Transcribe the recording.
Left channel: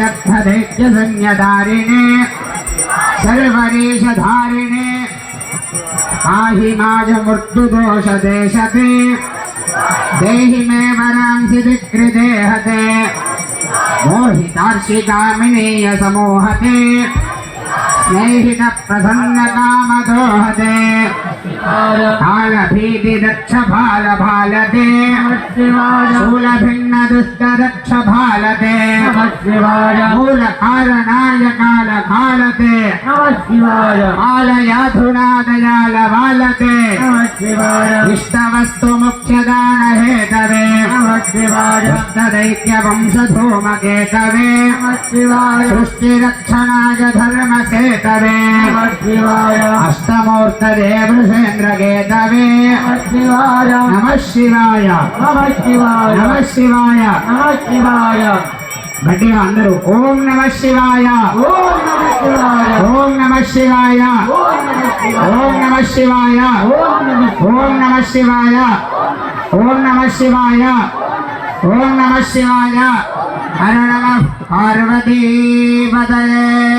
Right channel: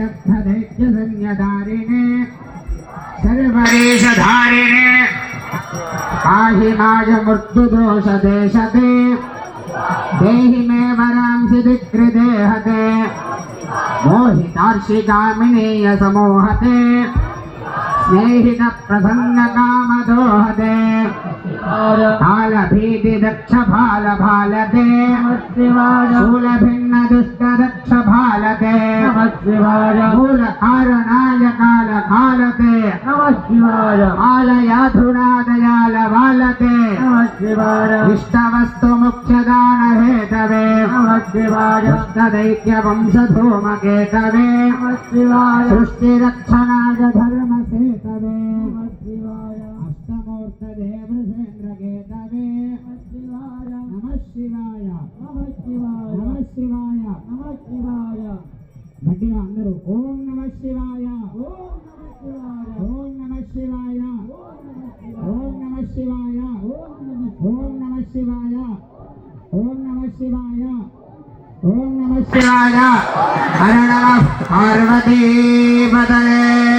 दग्धदैत्यसंज्ञधारिणे सर्वदेशधारिणे आहिनाय मृत्युदोषदेशते देहि मे वरांसि विकृदेहते मोहितार्षिकामिनीय समूहते स्नेहित प्रसन्नकामदोहते कालभीति दक्ष भाल भालते शूलभिन्न दुष्ट दक्ष भालते मूल कारणाय काल भालते मालयाधुना दयाल भालते इष्टवस्तु मुख्यदान हेतवे दैत्य वंश धूमकेतवे सृष्टिरक्षणाय धर्म सेतवे अष्टमूर्तदे वृषेन्द्रकेतवे नमः शिवाय नमः शिवाय गट्टिगा अंदरू ओम नमः शिवाय ओम नमः शिवाय ओम नमः शिवाय ओम नमः शिवाय ओम नमः शिवाय ओम नमः शिवाय हर नमः पार्वती पतये।